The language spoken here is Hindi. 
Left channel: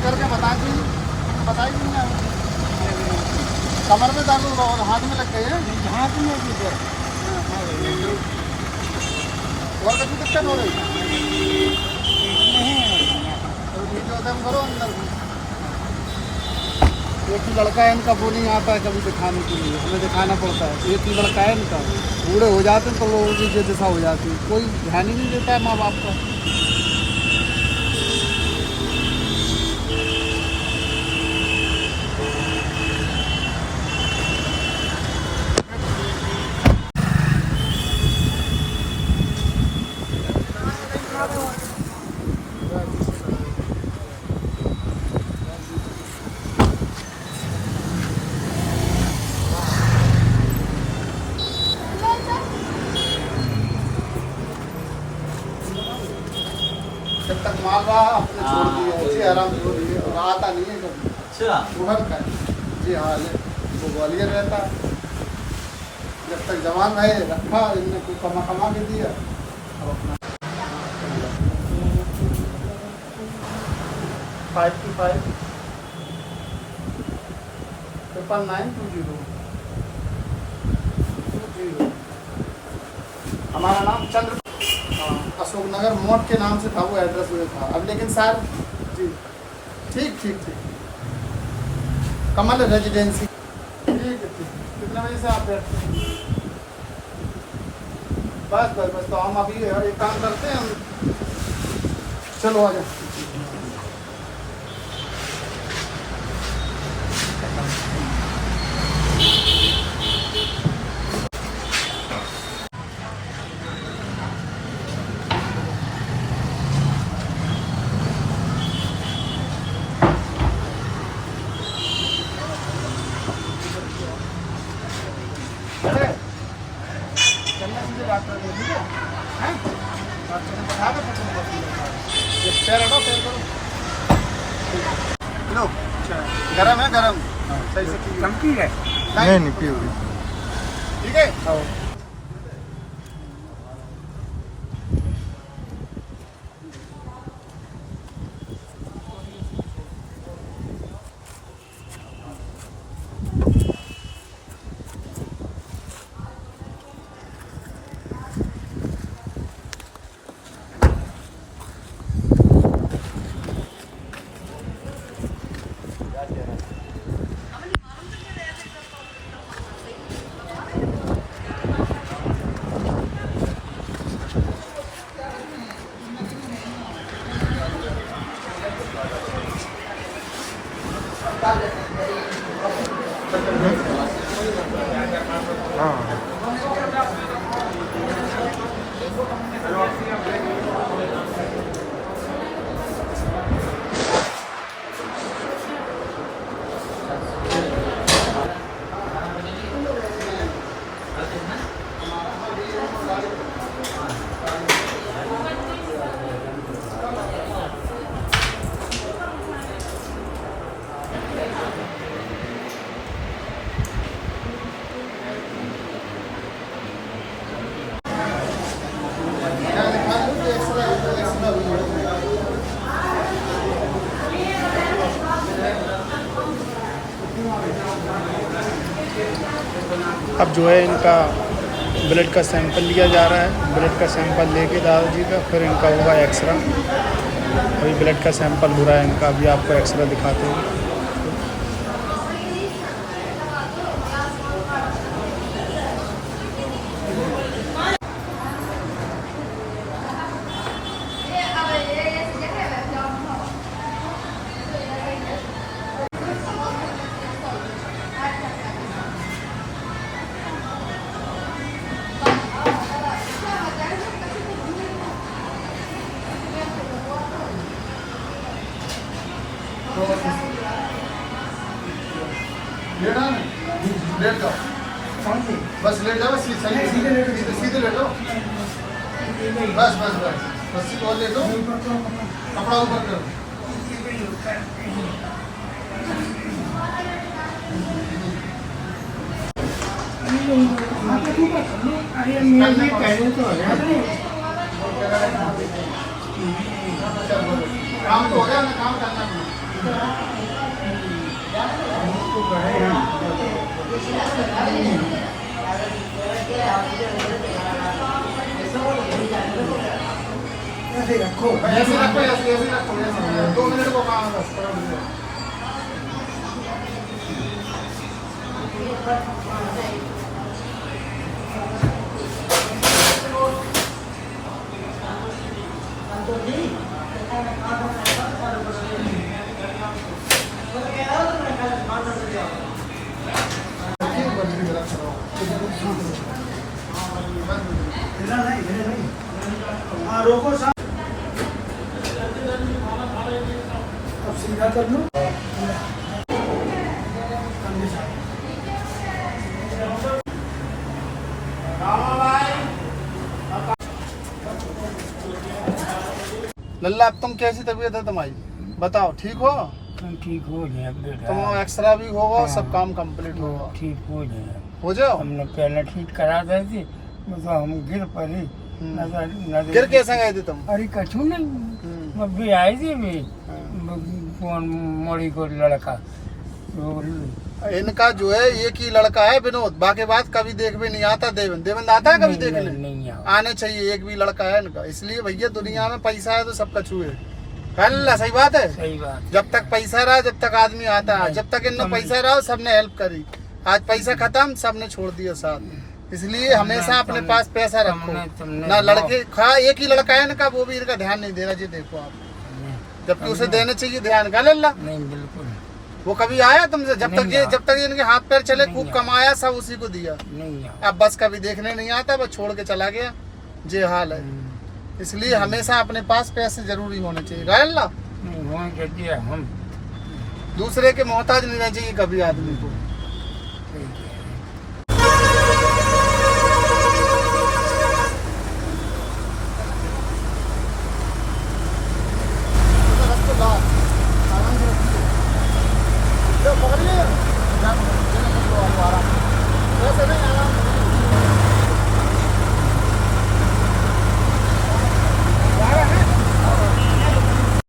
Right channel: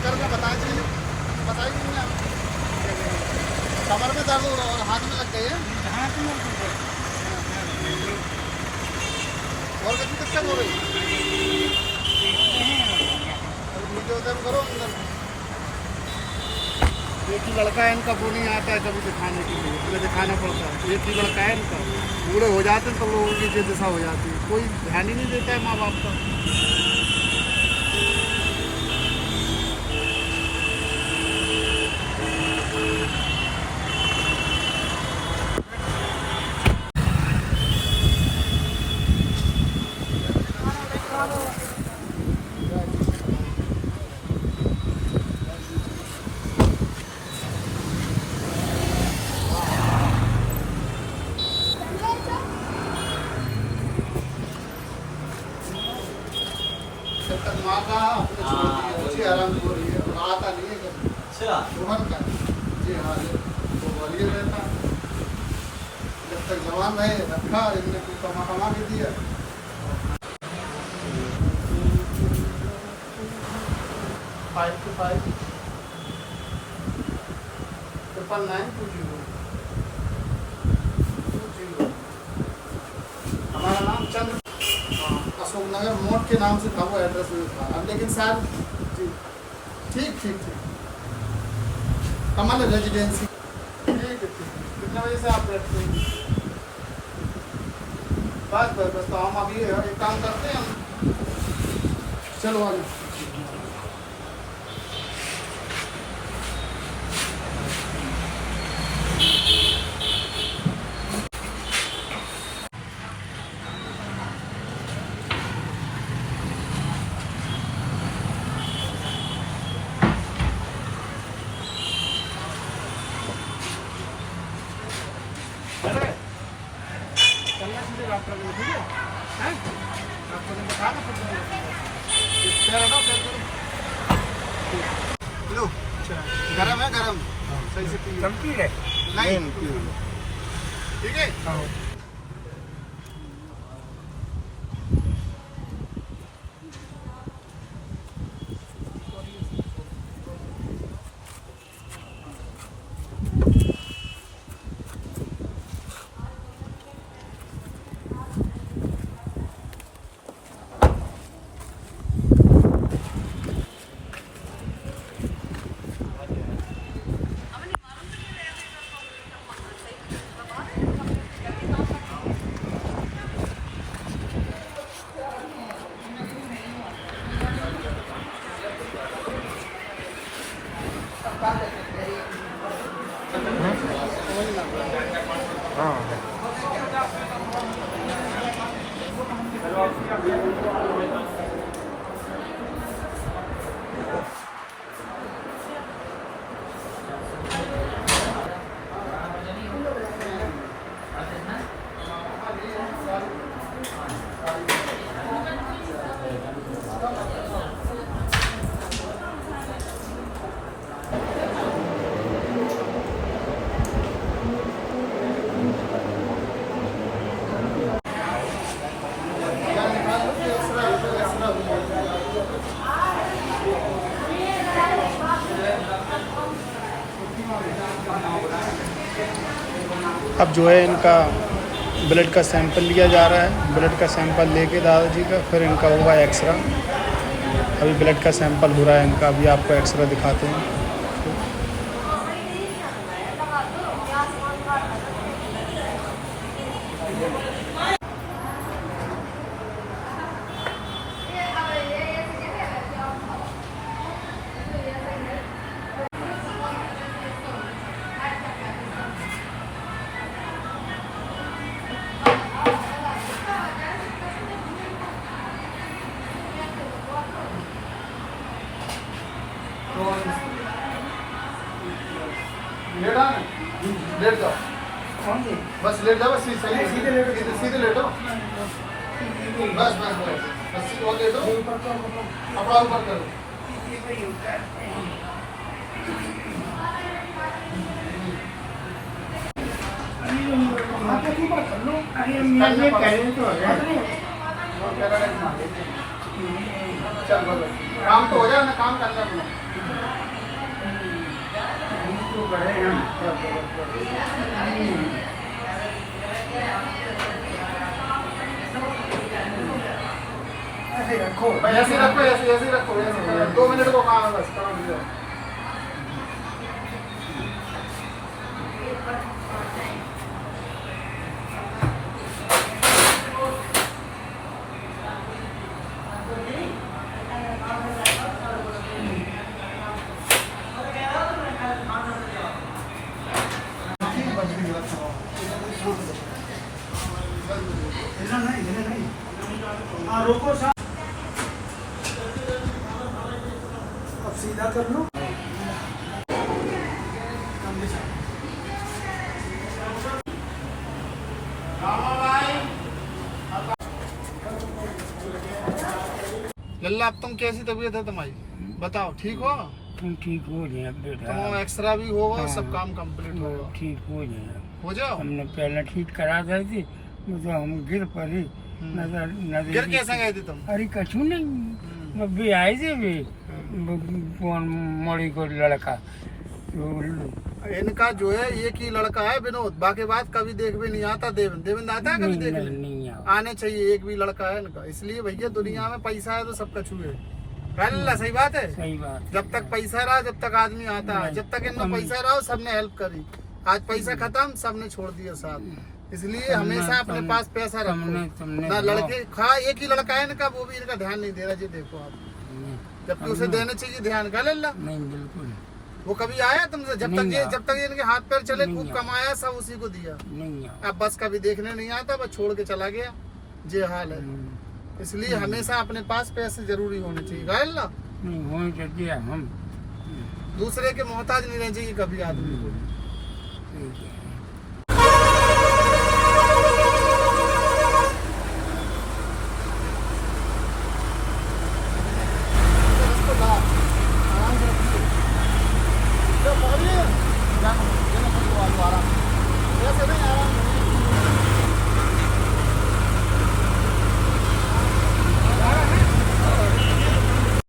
फोन करके बता दीजिए, बताइए नहीं आप। कमर में दर्द और हाथ में लग गई है, हाथ में भी है। और कुछ दिक्कत हो रही है? और वीडियो दम करो अंदर से। एक ही लड़का है इनका, वो नहीं आता है कभी दिखाने के लिए, हमें दिखाना पड़ता है। एक ही लड़का है इनका, बूढ़े हो जाते हैं तो लोगों की ये दिशा हो जाती है, कोई ध्यान ही नहीं देता है माँ बाप का। जब तक मार रहा है अपने छोड़ दिया, अच्छे आराम से हो रही है, और आता नहीं है कभी। अच्छा उभर का जी हाँ, वो ग्वालियर रहता है। जब तक जवान है रखा, इनने कुछ कमा के दिया। 5 to 5 920 हमारा नाम चंद्र अशोक नगर मोट के नाम से था, वो एड्रेस में था अब, लेकिन सर जी ठीक ठीक ठीक कमल रेजिडेंसी। ठीक है ठीक। कितने बजे से आप बैठते हैं? बस तो हम अभी एक काम करते हैं, चलो आ जाओ। चलना सीधे बात करेंगे, ठीक है? हैं? बात करेंगे, बता दो ये पैर हटाओ, पैर करो। लो, गरम है गरम। सही से गलती है नहीं निकली हुई, ठीक है? हाँ अब जो है इनका ब्लड का सैंपल लिया जा रहा है। ब्लड का सैंपल लेके दादाजी का फिर इनका होगा एक्सरा। अभी ब्लड का सैंपल हो रहा है इनका, अभी आपको एक्सरा दिखाते हैं। लेट आ ना, लेट जाओ, बस लेट जाओ, बस सही सीधे लेटो, बस बस बस बस और लेटो, कपड़ा ऊपर करो। काम तो हो जाए ना, काम करना अपना। इसको बढ़े हम ऐसे रखो ऐसे रखो, ऐसे रखो, 2 मिनट को काम है बस, पलट दो। हाँ रोको साहब, अब सीधा कर लो। लल्ला अब तुम कैसी तबीयत है तुम्हारी, बताओ, ठीक हो? तुम ठीक हो जाए बेटा, तुम एक्सरा भी होगा, हाँ। सब काम कंप्लीट होगा, ठीक हो जाए। हो जाओ। हमने पहले ठीक करा दी थी, मतलब हम गिर पड़ी, नजर गिर कैसे गए थे तुम? अरे कछू नहीं, मैं भी आई थी भी कौन मोड़ी को लड़का इनका जो है एक ही लड़का है विनोद, बाकी बात कभी देख भी नहीं आता। देवेंद्र, देवेंद्र आता है कभी देखने? नहीं आने चाहिए, एक भी लड़का है इनका। इसलिए भैया दुनिया में पैसा है तो सब कछु है। अल्लाह सही बात है। सही बात। जब तक पैसा रहा, जब तक आदमी आता है, जब तक इनमें पैसा रहा सबने हेल्प करी। आज पैसा खत्म, सबने छोड़ दिया साथ। इसलिए हमेशा अपने पास पैसा रखो ना। लड़के खा एक ही लड़का है इनका, वो भी इनका ध्यान नहीं देना चाहिए। देखो आप, जबकि उसे देना चाहिए ध्यान का। लल्ला नहीं बिल्कुल वो कभी आया तुमसे? जब तक ये इनके हाथ पैर चले, नहीं खूब आया। कमाया, सब उसी को दिया। नहीं अब बस कभी देखने नहीं आता, वो छोड़ के चला गया। ये हाल है। इसलिए हमेशा अपने पास पैसे जरूरी होने चाहिए। रायल्ला नहीं हो के दिया हम दूसरे के मोहताज नहीं रहना चाहिए कभी आदमी को। ठीक है। आराम से